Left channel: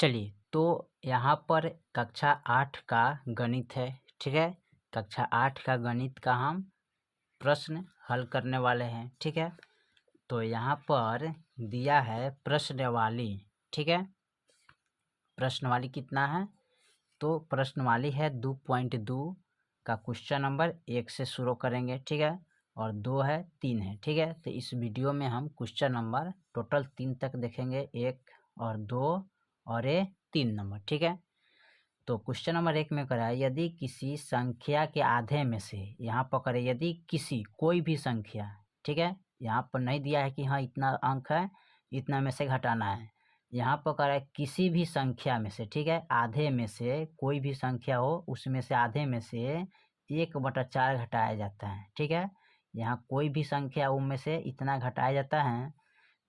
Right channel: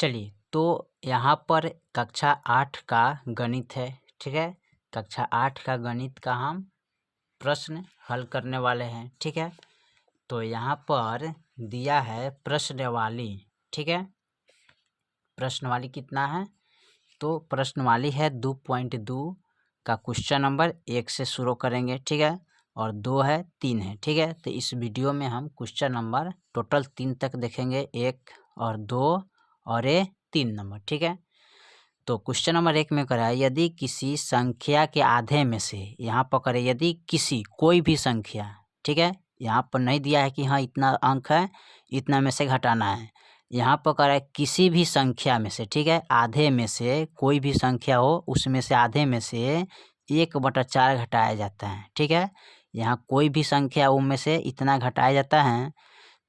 चलिए, तो यहाँ पर कक्षा 8 का गणित है, ठीक है। कक्षा 8 का गणित का हम प्रश्न हल करने वाले हैं, ठीक है। तो यहाँ पर दिया है प्रश्नवाली, ठीक है। प्रश्नवाली कितना है? तो प्रश्नवाली है 2.2 का क्वेश्चन नंबर 1 से शुरू करेंगे, ठीक है। और 2 है, 3 है, ठीक है। तो इस वीडियो में हम क्वेश्चन नंबर टोटल 3 तक देखेंगे, 1 और 2 और ये 3 नंबर, ठीक है। तो क्वेश्चन नंबर 1 में करा है, यदि किसी संख्या के आधे में से, यहाँ पर करे यदि किसी कोई भी संख्या, ठीक है। यहाँ पर नहीं दिया है कि हाँ इतना अंक है, इतना में से घटाना है। यहाँ पर करा है किसी भी संख्या में से, ठीक है। आधे में से कोई भी संख्या हो, उसमें से आधे में से 1/4 घटाया जाता है, ठीक है। यहाँ कोई भी संख्या उनमें से इतना घटाया जाता है,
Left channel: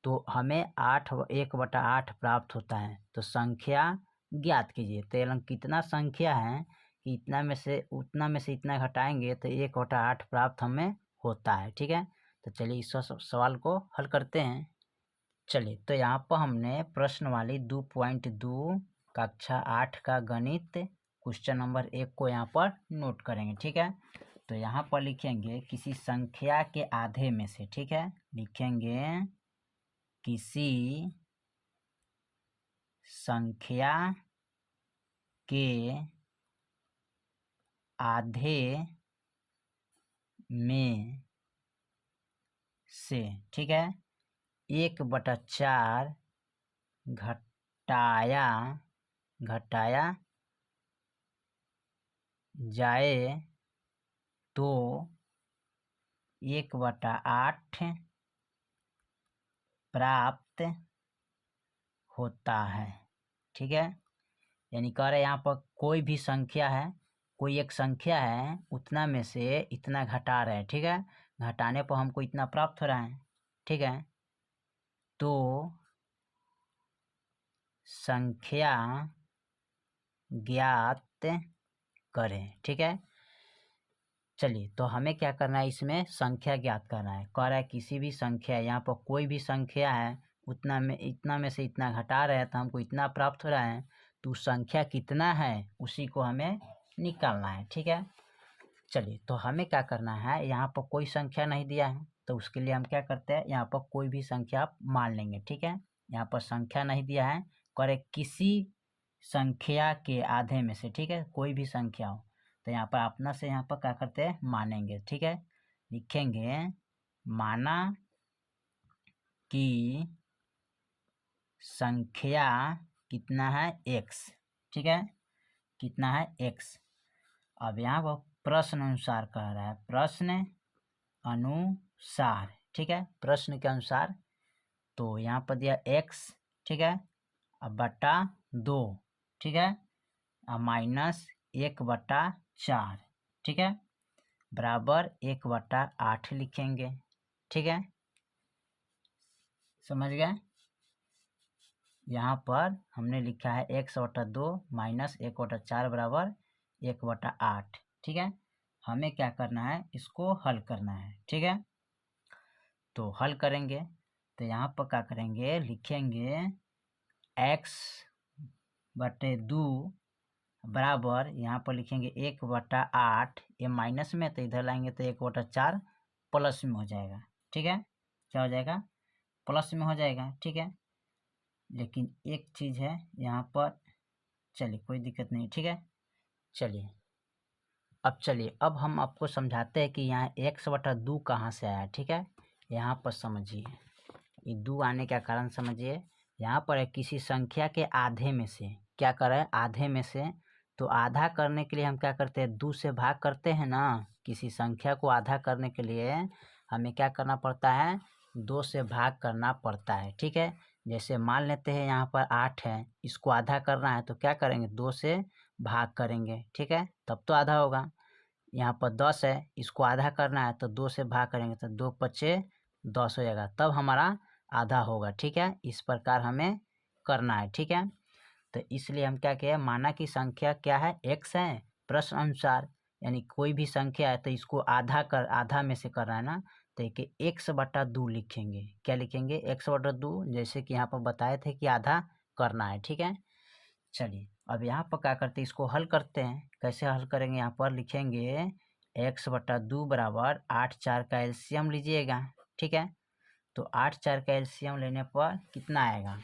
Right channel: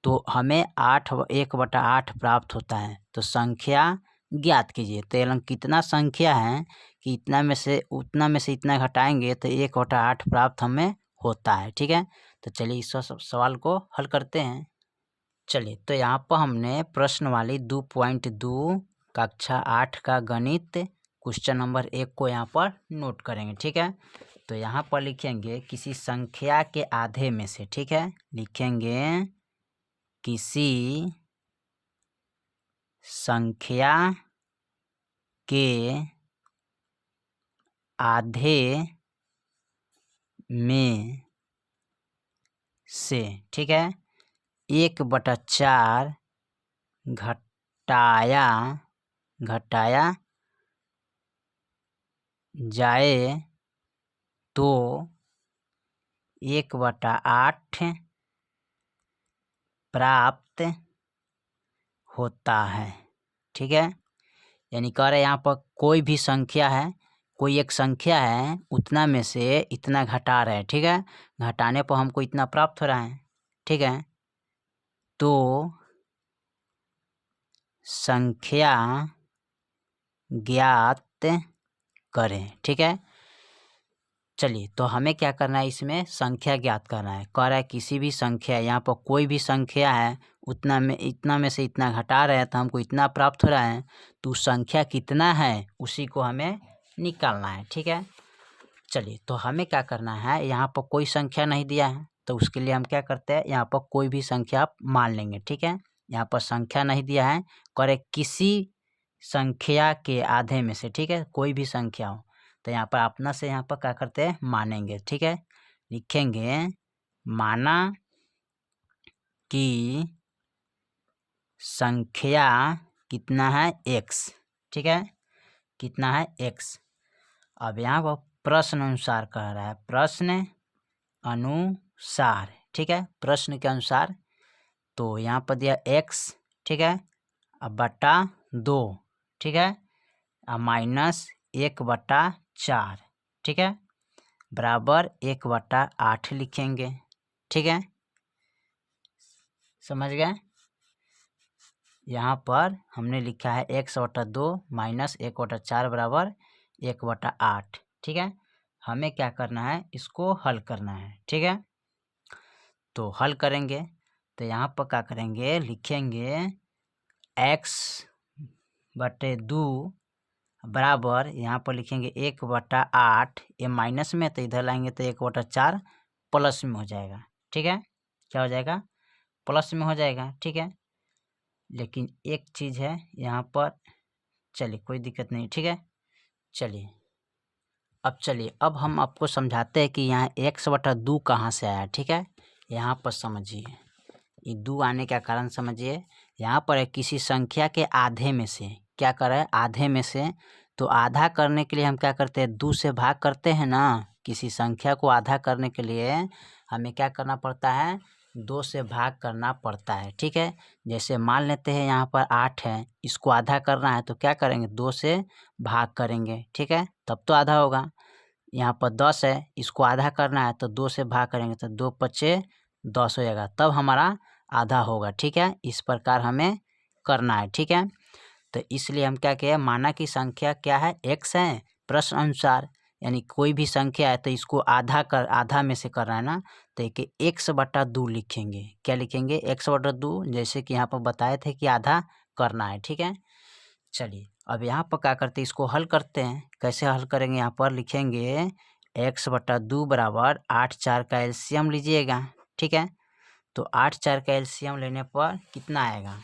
तो हमें 1/8 प्राप्त होता है। तो संख्या ज्ञात कीजिए। तो यहाँ कितना संख्या है कि इतना में से उतना में से इतना घटाएंगे तो 1/8 प्राप्त हमें होता है, ठीक है। तो चलिए इस सवाल को हल करते हैं। चलिए, तो यहाँ पर हमने प्रश्नवाली 2.2 कक्षा 8 का गणित क्वेश्चन नंबर 1 को यहाँ पर नोट करेंगे, ठीक है। तो यहाँ पर लिखेंगे किसी संख्या के आधे में से, ठीक है। लिखेंगे किसी संख्या के आधे में से, ठीक है, 1/4 घटाया जाए तो 1/8 प्राप्त होता है, ठीक है। यानी कह रहे हैं यहाँ पर कोई भी संख्या है, कोई एक संख्या है, उतना में से इतना घटा रहे हैं, ठीक है। घटाने पर हमको इतना प्राप्त हो रहा है, ठीक है। तो संख्या ज्ञात करें, ठीक है। चलिए, तो हमें क्या करना है, इसमें संख्या ज्ञात करना है। कह रहा है किसी भी संख्या, यहाँ पर कोई भी संख्या है, उतना में इतना में से इतना घटा रहे हैं तो हमको इतना प्राप्त हो रहा है। तो संख्या कितना है उसी को हमें निकालना है, ठीक है। चलिए, तो हमें क्या करना है, यहाँ पर कोई संख्या नहीं दिया है तो उसके लिए हम क्या करते हैं, यहाँ पर कोई भी संख्या मान लेंगे, ठीक है। यहाँ पर संख्या नहीं दिया है, करे किसी संख्या के आधे में से, ठीक है, कोई भी संख्या हो। तो यहाँ पर अपना से यहाँ पर क्या करते हैं, मानेंगे, ठीक है। लिखेंगे माना कि संख्या कितना है, x, ठीक है। कितना है, x। अब यहाँ पर प्रश्न अनुसार कह रहा है, प्रश्न अनुसार, ठीक है, प्रश्न के अनुसार। तो यहाँ पर दिया x, ठीक है, अब बटा 2, ठीक है, अब माइनस 1/4, ठीक है, बराबर 1/8 लिखेंगे, ठीक है। समझ गए? यहाँ पर हमने लिखा है x/2 माइनस 1/4 बराबर 1/8, ठीक है। हमें क्या करना है, इसको हल करना है, ठीक है। तो हल करेंगे तो यहाँ पर क्या करेंगे, लिखेंगे x/2 बराबर, यहाँ पर लिखेंगे 1/8, ये माइनस में तो इधर लाएंगे तो 1/4 प्लस में हो जाएगा, ठीक है। क्या हो जाएगा, प्लस में हो जाएगा, ठीक है। लेकिन एक चीज़ है यहाँ पर, चलिए कोई दिक्कत नहीं, ठीक है। चलिए अब हम आपको समझाते हैं कि यहाँ 1/2 कहाँ से आया, ठीक है। यहाँ पर समझिए, ये 2 आने का कारण समझिए। यहाँ पर है किसी संख्या के आधे में से, क्या कर रहा है, आधे में से। तो आधा करने के लिए हम क्या करते हैं, 2 से भाग करते हैं ना। किसी संख्या को आधा करने के लिए हमें क्या करना पड़ता है, 2 से भाग करना पड़ता है, ठीक है। जैसे मान लेते हैं यहाँ पर 8 है, इसको आधा करना है तो क्या करेंगे, 2 से भाग करेंगे, ठीक है, तब तो आधा होगा। यहाँ पर 10 है, इसको आधा करना है तो 2 से भाग करेंगे तो 2×5 = 10 हो जाएगा, तब हमारा आधा होगा, ठीक है। इस प्रकार हमें करना है, ठीक है। तो इसलिए हम क्या किए, माना कि संख्या क्या है, x है, प्रश्न अनुसार, यानी कोई भी संख्या है तो इसको आधा में से करना है ना। तो कि x/2 लिखेंगे, क्या लिखेंगे, x/2, जैसे कि यहाँ पर बताए थे कि आधा करना है, ठीक है। चलिए अब यहाँ पर क्या करते हैं, इसको हल करते हैं। कैसे हल करेंगे, यहाँ पर लिखेंगे x/2 बराबर 8 4 का एलसीएम लीजिएगा। ठीक है, तो 8 4 का एलसीएम लेने पर कितना आएगा,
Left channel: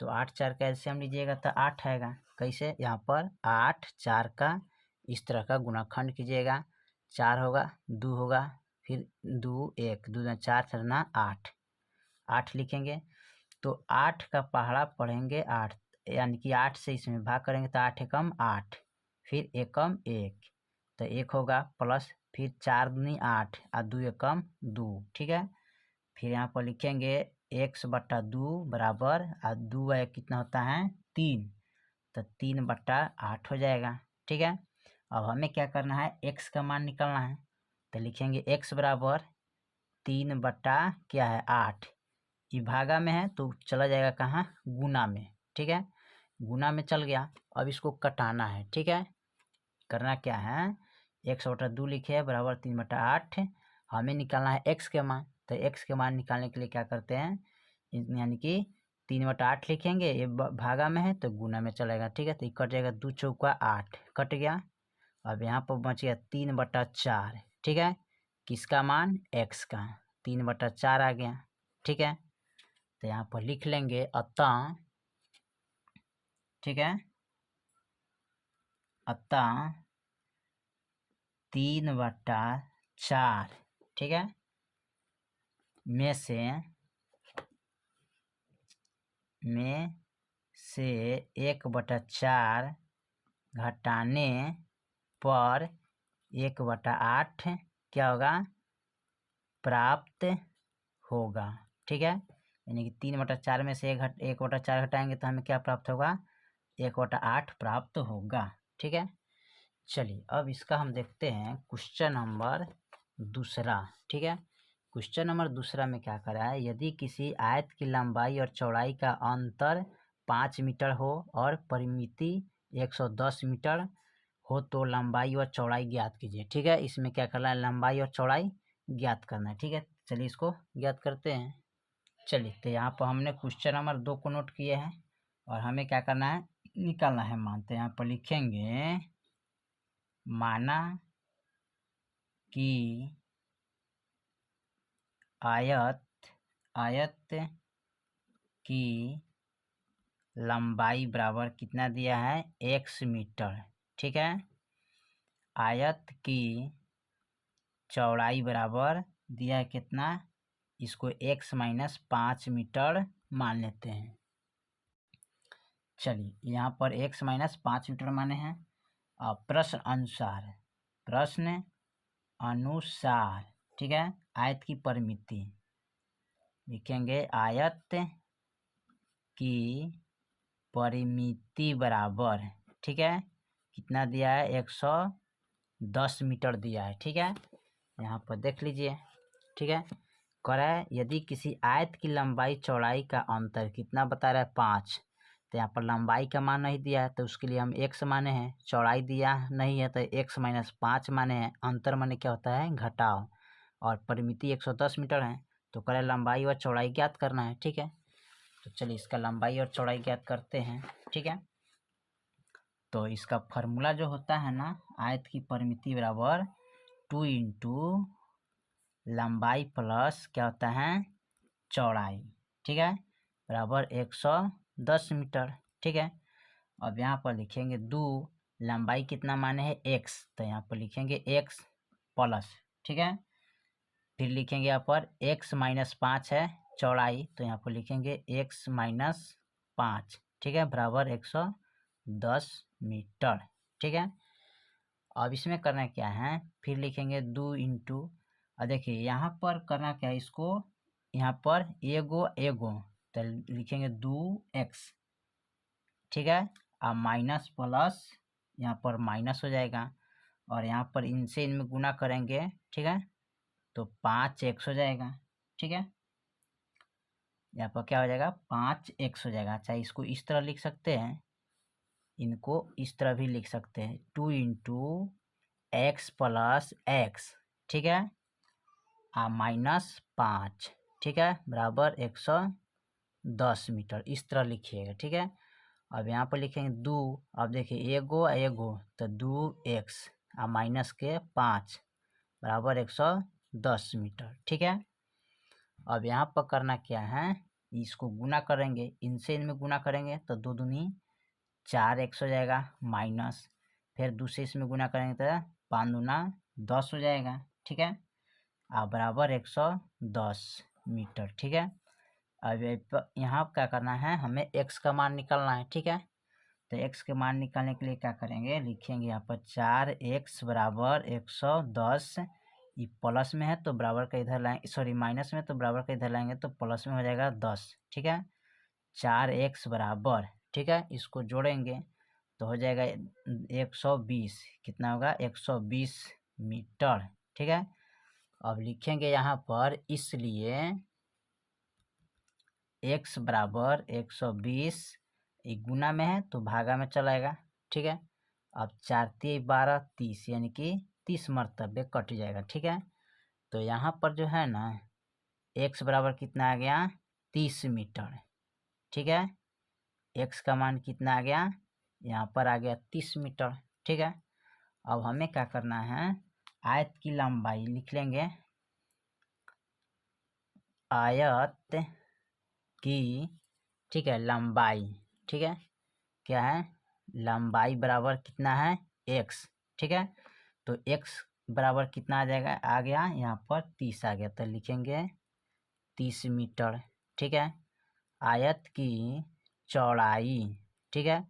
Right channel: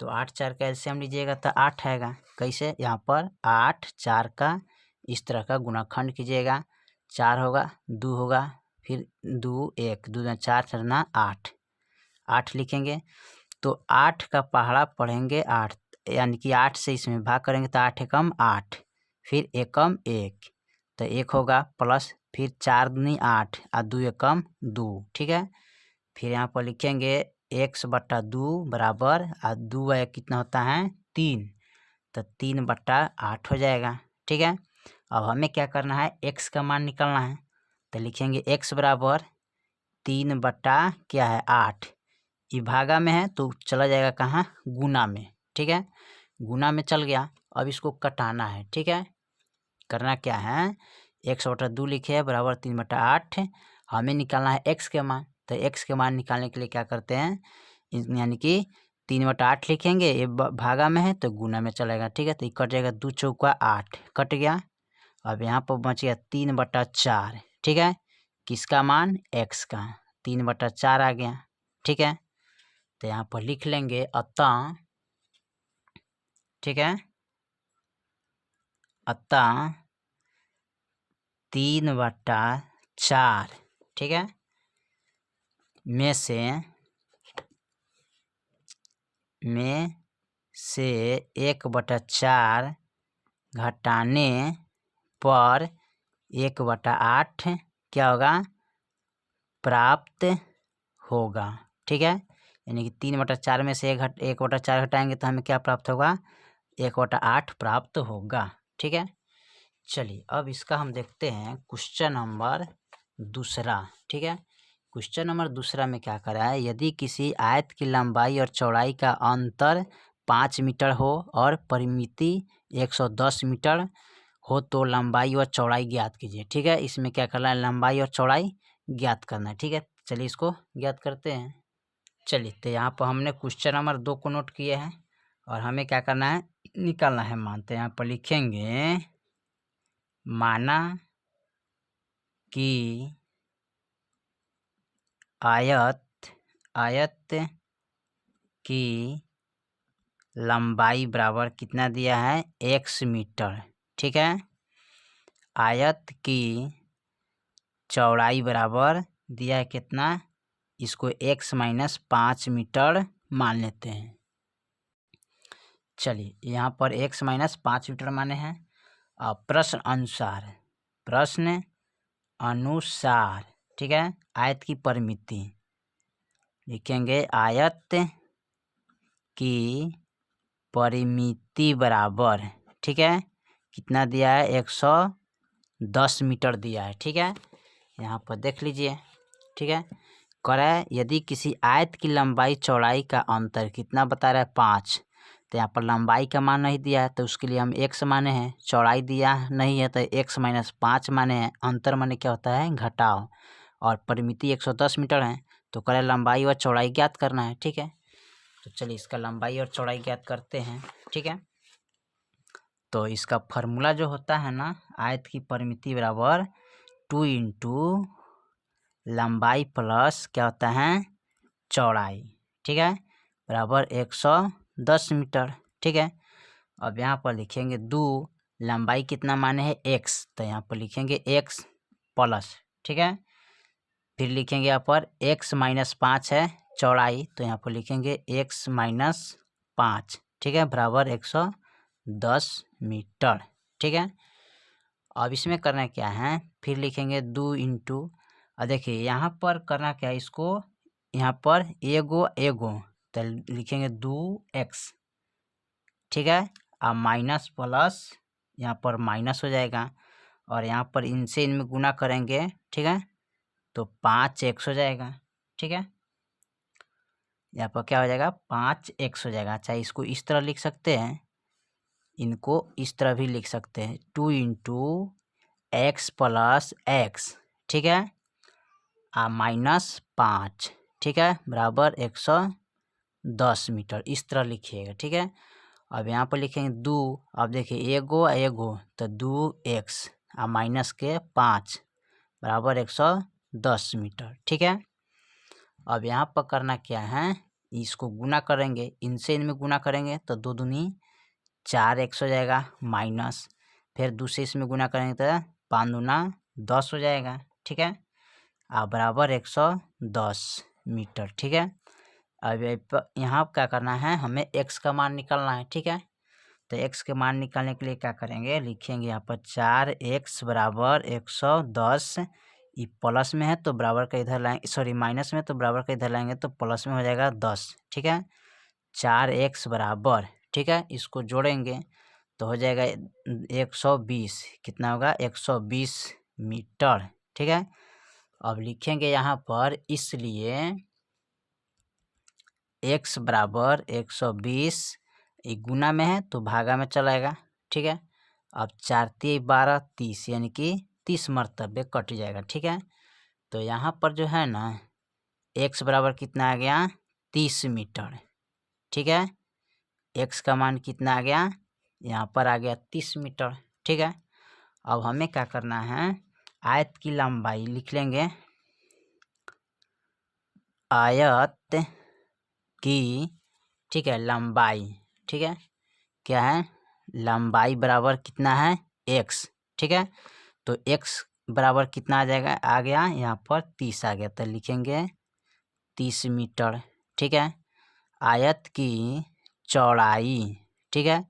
तो 8 4 का एलसीएम लीजिएगा तो 8 आएगा। कैसे, यहाँ पर 8 4 का इस तरह का गुणाखंड कीजिएगा, 4 होगा, 2 होगा, फिर 2 1 2 4 करना 8 8 लिखेंगे। तो 8 का पहाड़ा पढ़ेंगे 8, यानी कि 8 से इसमें भाग करेंगे तो 8 एकम 8, फिर एकम 1 तो 1 होगा, प्लस फिर 4 दूनी 8 और 2 एकम 2। ठीक है, फिर यहाँ पर लिखेंगे x/2 बराबर, और 2 कितना होता है 3, तो 3/8 हो जाएगा। ठीक है, अब हमें क्या करना है, x का मान निकालना है। तो लिखेंगे x बराबर 3 बटा क्या है 8, ये भागा में है तो चला जाएगा कहाँ, गुना में। ठीक है, गुना में चल गया। अब इसको कटाना है। ठीक है, करना क्या है, x/2 लिखे है बराबर 3/8, हमें निकालना है x के मान। तो x के मान निकालने के लिए क्या करते हैं, यानी कि 3/8 लिखेंगे, ये भागा में है तो गुना में चलेगा। ठीक है, तो ये कट जाएगा, 2 चौका 8 कट गया। अब यहाँ पर बच गया 3/4। ठीक है, किसका मान, x का, 3/4 आ गया। ठीक है, तो यहाँ पर लिख लेंगे अतः, ठीक है, अतः 3/4, ठीक है, में से 1/4 घटाने पर 1/8 क्या होगा, प्राप्त होगा। ठीक है, यानी कि 3/4 में से 1/4 घटाएंगे तो हमें क्या प्राप्त होगा, 1/8 प्राप्त होगा। ठीक है, चलिए अब इसका हम देखते हैं क्वेश्चन नंबर दूसरा। ठीक है, क्वेश्चन नंबर दूसरा में क्या करा है, यदि किसी आयत की लंबाई और चौड़ाई का अंतर 5 मीटर हो और परिमिति 110 मीटर हो तो लंबाई और चौड़ाई ज्ञात कीजिए। ठीक है, इसमें क्या करना है, लंबाई और चौड़ाई ज्ञात करना है। ठीक है, चलिए इसको ज्ञात करते हैं। चलिए, तो यहाँ पर हमने क्वेश्चन नंबर 2 को नोट किए हैं और हमें क्या करना है, निकालना है मान। तो यहाँ पर लिखेंगे, माना कि आयत की लंबाई बराबर कितना दिया है, x मीटर। ठीक है, आयत की चौड़ाई बराबर दिया है कितना, इसको x - 5 मीटर मान लेते हैं। चलिए, यहाँ पर x - 5 मीटर माने हैं। अब प्रश्न अनुसार, ठीक है, आयत की परिमिति लिखेंगे, आयत की परिमिति बराबर, ठीक है, कितना दिया है, 110 मीटर दिया है। ठीक है, यहाँ पर देख लीजिए। ठीक है, कह रहा है यदि किसी आयत की लंबाई चौड़ाई का अंतर कितना बता रहा है, 5, तो यहाँ पर लंबाई का मान नहीं दिया है तो उसके लिए हम x माने हैं, चौड़ाई दिया नहीं है तो x - 5 माने हैं। अंतर माने क्या होता है, घटाव, और परिमिति 110 मीटर है। तो कह रहा है लंबाई और चौड़ाई ज्ञात करना है। ठीक है, तो चलिए इसका लंबाई और चौड़ाई ज्ञात करते हैं। ठीक है, तो इसका फॉर्मूला जो होता है ना, आयत की परिमिति बराबर 2 × लंबाई प्लस क्या होता है, चौड़ाई। ठीक है, बराबर 110 मीटर। ठीक है, अब यहाँ पर लिखेंगे 2, लंबाई कितना माने है x, तो यहाँ पर लिखेंगे x प्लस, ठीक है, फिर लिखेंगे यहाँ पर x - 5 है चौड़ाई, तो यहाँ पर लिखेंगे x - 5, ठीक है, बराबर 110 मीटर। ठीक है, अब इसमें करना क्या है, फिर लिखेंगे 2 × और देखिए यहाँ पर करना क्या है, इसको यहाँ पर एगो तो लिखेंगे 2x। ठीक है, अब माइनस प्लस यहाँ पर माइनस हो जाएगा और यहाँ पर इनसे इनमें गुना करेंगे। ठीक है, तो 5x हो जाएगा। ठीक है, यहाँ पर क्या हो जाएगा, 5x हो जाएगा। चाहे इसको इस तरह लिख सकते हैं, इनको इस तरह भी लिख सकते हैं, 2 × x + x, ठीक है, -5, ठीक है, बराबर 110 मीटर, इस तरह लिखिएगा। ठीक है, अब यहाँ पर लिखेंगे 2, अब देखिए एगो एगो तो 2x और माइनस के 5 बराबर 110 मीटर। ठीक है, अब यहाँ पर करना क्या है, इसको गुना करेंगे, इनसे इनमें गुना करेंगे तो 2 दूनी 4x हो जाएगा, माइनस फिर दूसरे इसमें गुना करेंगे तो 5 दूना 10 हो जाएगा। ठीक है, अब बराबर 110 मीटर। ठीक है, अब यहाँ क्या करना है, हमें x का मान निकालना है। ठीक है, तो x के मान निकालने के लिए क्या करेंगे, लिखेंगे यहाँ पर 4x बराबर 110, ये प्लस में है तो बराबर का इधर लाएंगे, सॉरी माइनस में तो बराबर का इधर लाएंगे तो प्लस में हो जाएगा 10। ठीक है, 4x बराबर, ठीक है, इसको जोड़ेंगे तो हो जाएगा 120, कितना होगा 120 मीटर। ठीक है, अब लिखेंगे यहाँ पर, इसलिए x बराबर 120, एक गुना में है तो भागा में चलाएगा। ठीक है, अब 4 × 12 30, यानी कि 30 मरतबे कट जाएगा। ठीक है, तो यहाँ पर जो है ना x बराबर कितना आ गया 30 मीटर। ठीक है, x का मान कितना आ गया, यहाँ पर आ गया 30 मीटर। ठीक है, अब हमें क्या करना है, आयत की लंबाई लिख लेंगे, आयत की, ठीक है, लंबाई, ठीक है, क्या है, लंबाई बराबर कितना है x। ठीक है, तो x बराबर कितना आ जाएगा, आ गया यहाँ पर 30 आ गया, तो लिखेंगे 30 मीटर। ठीक है, आयत की चौड़ाई, ठीक है,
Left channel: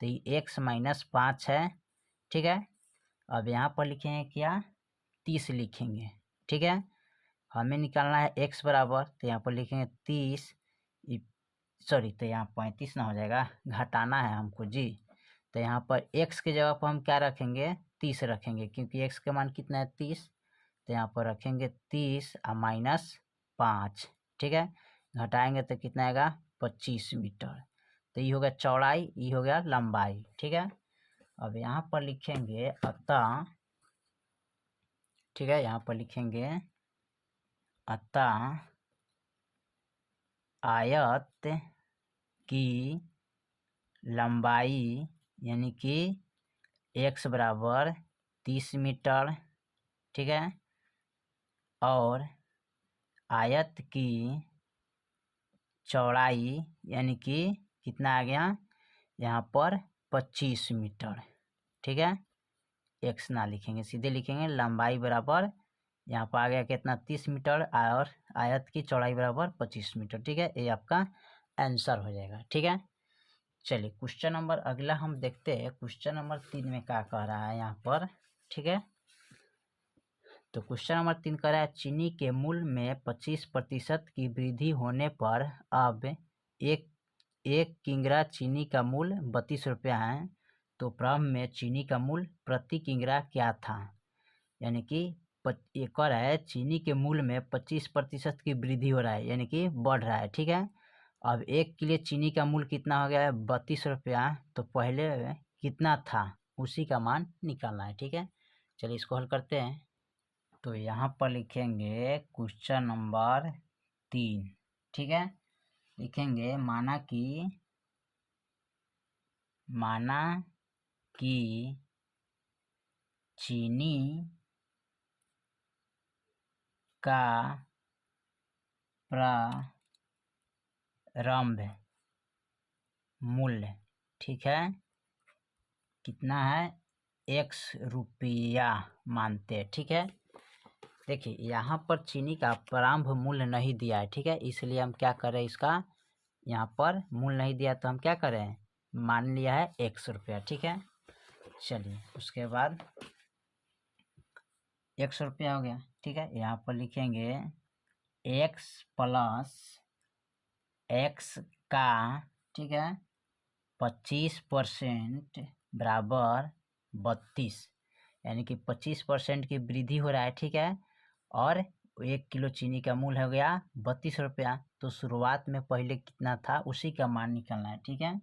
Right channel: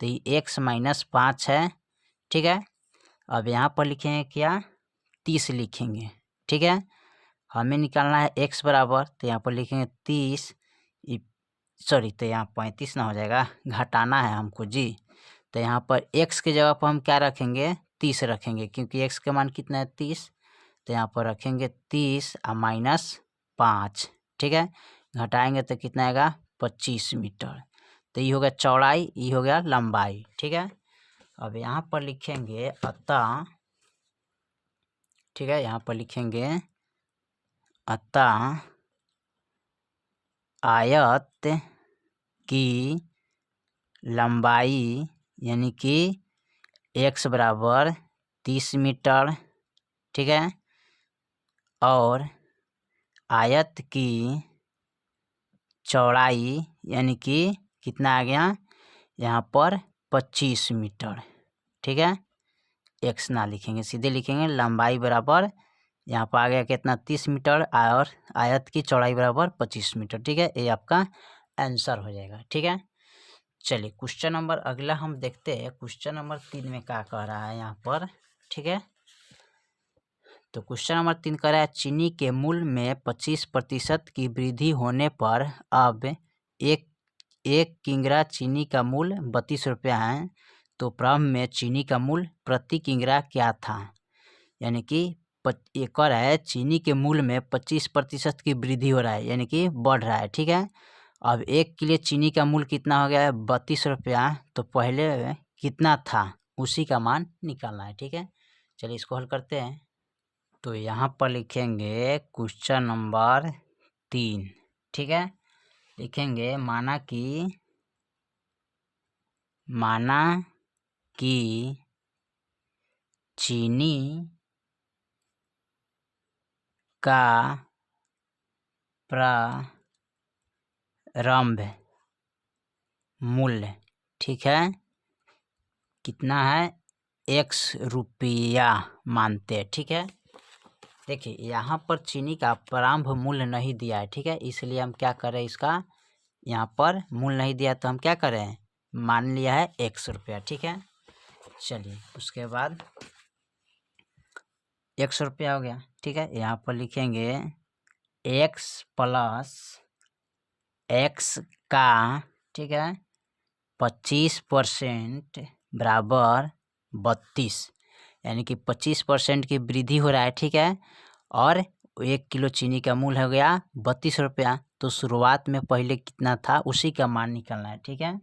तो ये x - 5 है। ठीक है, अब यहाँ पर लिखेंगे क्या, 30 लिखेंगे। ठीक है, हमें निकालना है x बराबर, तो यहाँ पर लिखेंगे 30, सॉरी तो यहाँ 35 ना हो जाएगा, घटाना है हमको जी, तो यहाँ पर x के जगह पर हम क्या रखेंगे, 30 रखेंगे, क्योंकि x का मान कितना है 30, तो यहाँ पर रखेंगे 30 और -5। ठीक है, घटाएंगे तो कितना आएगा 25 मीटर। तो ये हो गया चौड़ाई, ये हो गया लंबाई। ठीक है, अब यहाँ पर लिखेंगे अतः, ठीक है, यहाँ पर लिखेंगे अतः आयत की लंबाई, यानी कि x बराबर 30 मीटर। ठीक है, और आयत की चौड़ाई, यानी कि कितना आ गया यहाँ पर 25 मीटर। ठीक है, x ना लिखेंगे, सीधे लिखेंगे लंबाई बराबर, यहाँ पर आ गया कितना 30 मीटर, और आयत की चौड़ाई बराबर 25 मीटर। ठीक है, ये आपका आंसर हो जाएगा। ठीक है, चलिए क्वेश्चन नंबर अगला हम देखते हैं, क्वेश्चन नंबर 3 में क्या कह रहा है यहाँ पर। ठीक है, तो क्वेश्चन नंबर 3 कह रहा है, चीनी के मूल्य में 25% की वृद्धि होने पर अब एक किंगरा चीनी का मूल्य 32 रुपया है, तो प्रारंभ में चीनी का मूल्य प्रति किंगरा क्या था। यानी कि एक और है, चीनी के मूल्य में 25% की वृद्धि हो रहा है, यानी कि बढ़ रहा है। ठीक है, अब 1 किलो चीनी का मूल्य कितना हो गया है 32 रुपया, तो पहले कितना था उसी का मान निकालना है। ठीक है, चलिए इसको हल करते हैं। तो यहाँ पर लिखेंगे क्वेश्चन नंबर 3। ठीक है, लिखेंगे माना कि चीनी का प्रारंभ मूल्य, ठीक है, कितना है, x रुपया मानते हैं। ठीक है, देखिए यहाँ पर चीनी का प्रारंभ मूल्य नहीं दिया है। ठीक है, इसलिए हम क्या करें, इसका यहाँ पर मूल्य नहीं दिया तो हम क्या करें, मान लिया है x रुपया। ठीक है, चलिए उसके बाद 100 रुपया हो गया। ठीक है, यहाँ पर लिखेंगे x + x का, ठीक है, 25% बराबर 32, यानी कि 25% की वृद्धि हो रहा है। ठीक है, और 1 किलो चीनी का मूल्य हो गया 32 रुपया, तो शुरुआत में पहले कितना था उसी का मान निकालना है। ठीक है,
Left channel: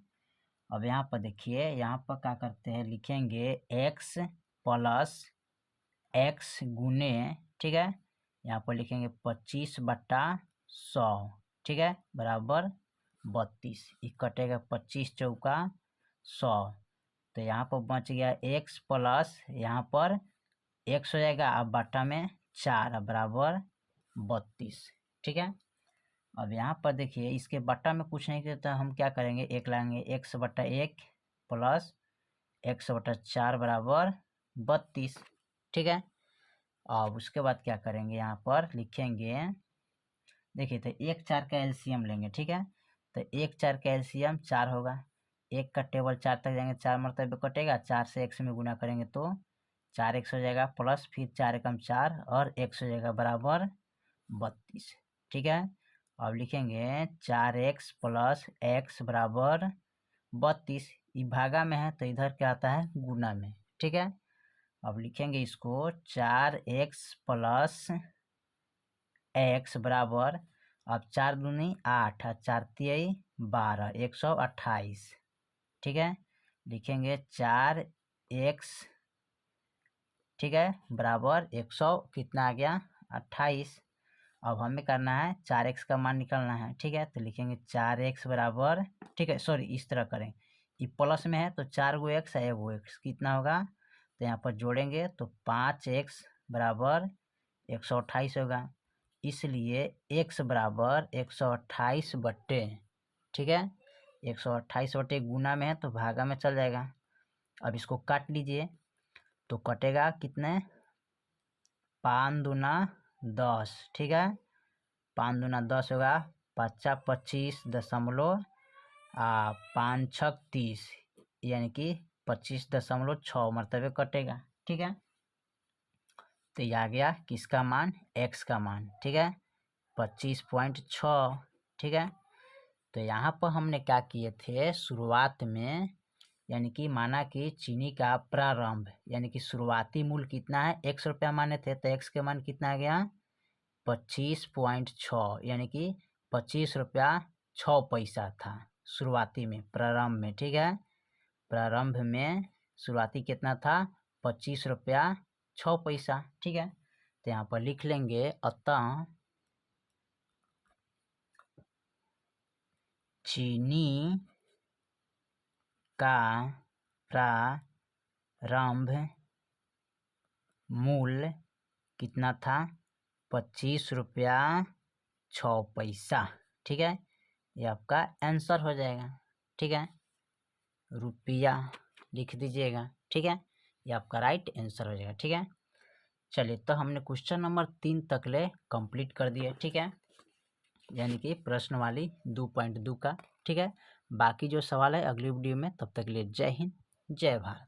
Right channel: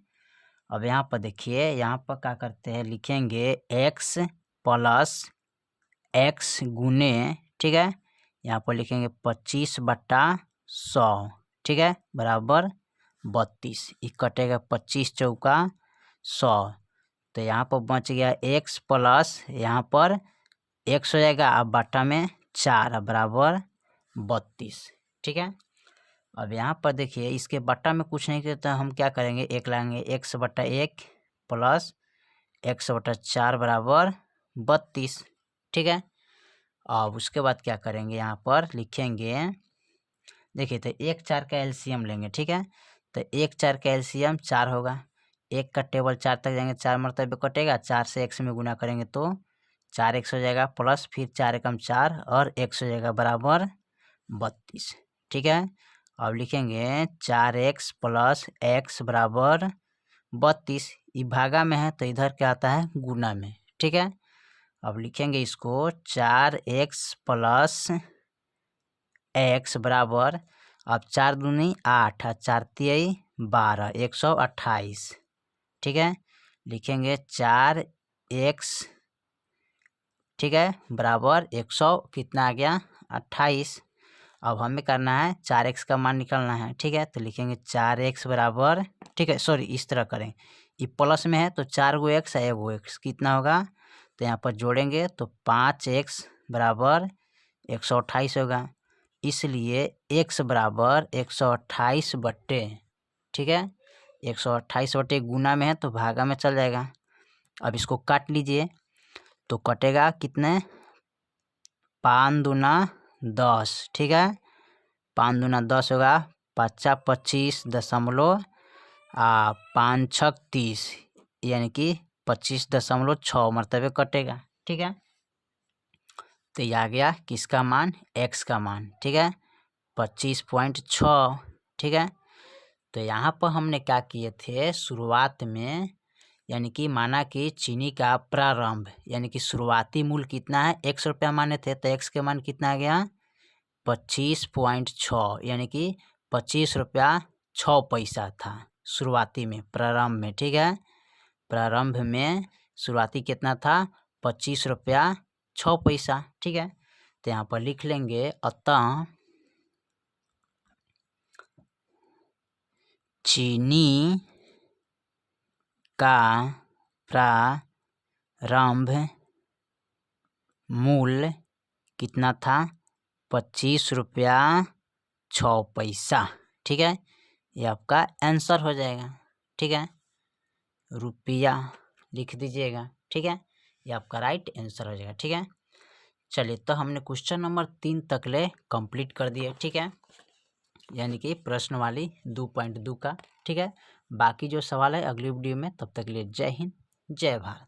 अब यहाँ पर देखिए, यहाँ पर क्या करते हैं, लिखेंगे x + x गुने, ठीक है, यहाँ पर लिखेंगे 25/100, ठीक है, बराबर 32, ये कटेगा 25 × 4 100। तो यहाँ पर बच गया x प्लस यहाँ पर x हो जाएगा, अब बटा में 4 बराबर 32। ठीक है, अब यहाँ पर देखिए इसके बट्टा में कुछ नहीं करता, हम क्या करेंगे, एक लाएंगे, x बटा 1 प्लस x बटा 4 बराबर 32। ठीक है, अब उसके बाद क्या करेंगे, यहाँ पर लिखेंगे, देखिए तो 1 4 का एलसीएम लेंगे। ठीक है, तो 1 4 का एलसीएम 4 होगा, 1 का टेबल 4 तक जाएंगे, 4 मरतबे कटेगा, 4 से x में गुना करेंगे तो 4x हो जाएगा, प्लस फिर 4 एकम 4 और x हो जाएगा बराबर 32। ठीक है, अब लिखेंगे 4x प्लस x बराबर 32। ये भागा में है तो इधर क्या आता है, गुना में। ठीक है, अब लिखेंगे इसको 4x प्लस x बराबर, अब 4 दूनी 8 और 4 तियाई 12, 128। ठीक है, लिखेंगे 4x, ठीक है, बराबर 100 कितना आ गया, 28। अब हमें करना है 4x का मान निकालना है। ठीक है, तो लिखेंगे 4x बराबर, ठीक है सॉरी इस तरह करें, ये प्लस में है तो 4 गो x है, 1 गो x कितना होगा, तो यहाँ पर जोड़ेंगे तो 5x बराबर 128 होगा, इसलिए x बराबर 128 बट्टे, ठीक है, 128 बट्टे गुना में है तो भागा में चल जाएगा। अब इसको काट लीजिए तो कटेगा कितने, 5 दूना 10। ठीक है, 5 दूना 10 होगा, 5 25.5 5 30, यानी कि 25.6 मरतबे कटेगा। ठीक है, तो ये आ गया किसका मान, x का मान। ठीक है, 25.6। ठीक है, तो यहाँ पर हमने क्या किए थे, शुरुआत में यानी कि माना कि चीनी का प्रारंभ यानी कि शुरुआती मूल्य कितना है, 100 रुपया माने थे, तो x के मान कितना आ गया, 25.6, यानी कि 25 रुपया 6 पैसा था शुरुआती में, प्रारंभ में। ठीक है, प्रारंभ में शुरुआती कितना था, 25 रुपया 6 पैसा। ठीक है, तो यहाँ पर लिख लेंगे, अतः चीनी का प्रारंभ मूल्य कितना था, 25 रुपया 6 पैसा। ठीक है, ये आपका आंसर हो जाएगा। ठीक है, रुपया लिख दीजिएगा। ठीक है, ये आपका राइट आंसर हो जाएगा। ठीक है, चलिए तो हमने क्वेश्चन नंबर 3 तक ले कंप्लीट कर दिया। ठीक है, यानी कि प्रश्न वाली 2.2 का। ठीक है, बाकी जो सवाल है अगली वीडियो में, तब तक के लिए जय हिंद जय भारत।